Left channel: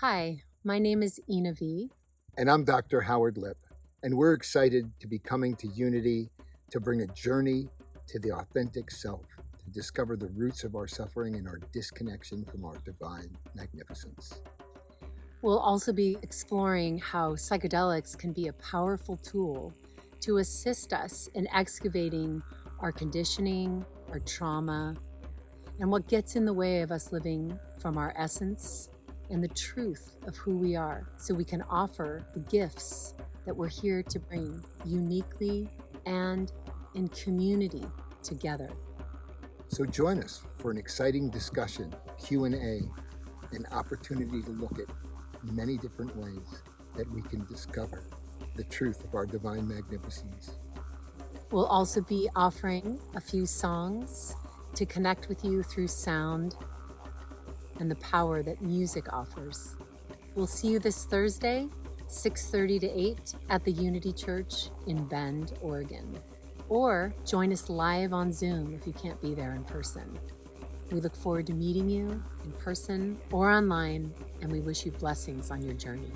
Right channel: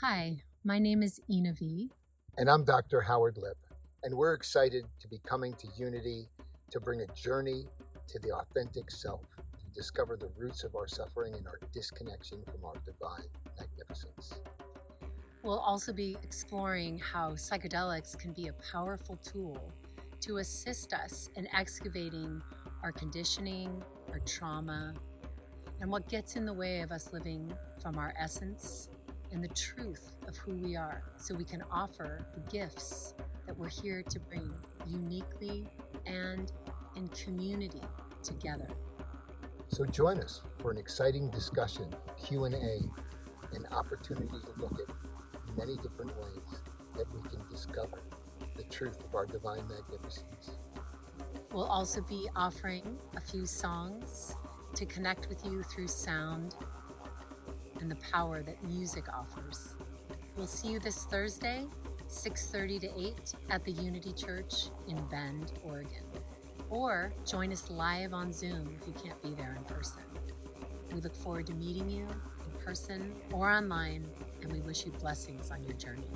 Hi, my name is Ina V. And I'm Dr. Howard Lipp, and we're excited to be coming to Unity to bring a journey to the authentic self, to discover the roots of our suffering and our disconnection from our divine magnificence. We'll also be exploring how psychedelics can be a powerful tool to assist us in excavating our conditioning, our trauma, and what gets in the way of us living from our essence and the truth of who we are, so we can offer the gifts that we're here to bring uniquely and in community together. So join us for an exciting discussion, Q&A, an opportunity to look at many different ways that we can discover the truth of our divine magnificence. We'll also be offering a few songs to connect with you through sound and the power that music offers. We'll see you this Thursday, 6:30 to 8 at the Unity Church in Bend, Oregon. Or join us live on Zoom if you can't be there in person. We look forward to meeting you in person or online, and we wish you blessings on your journey.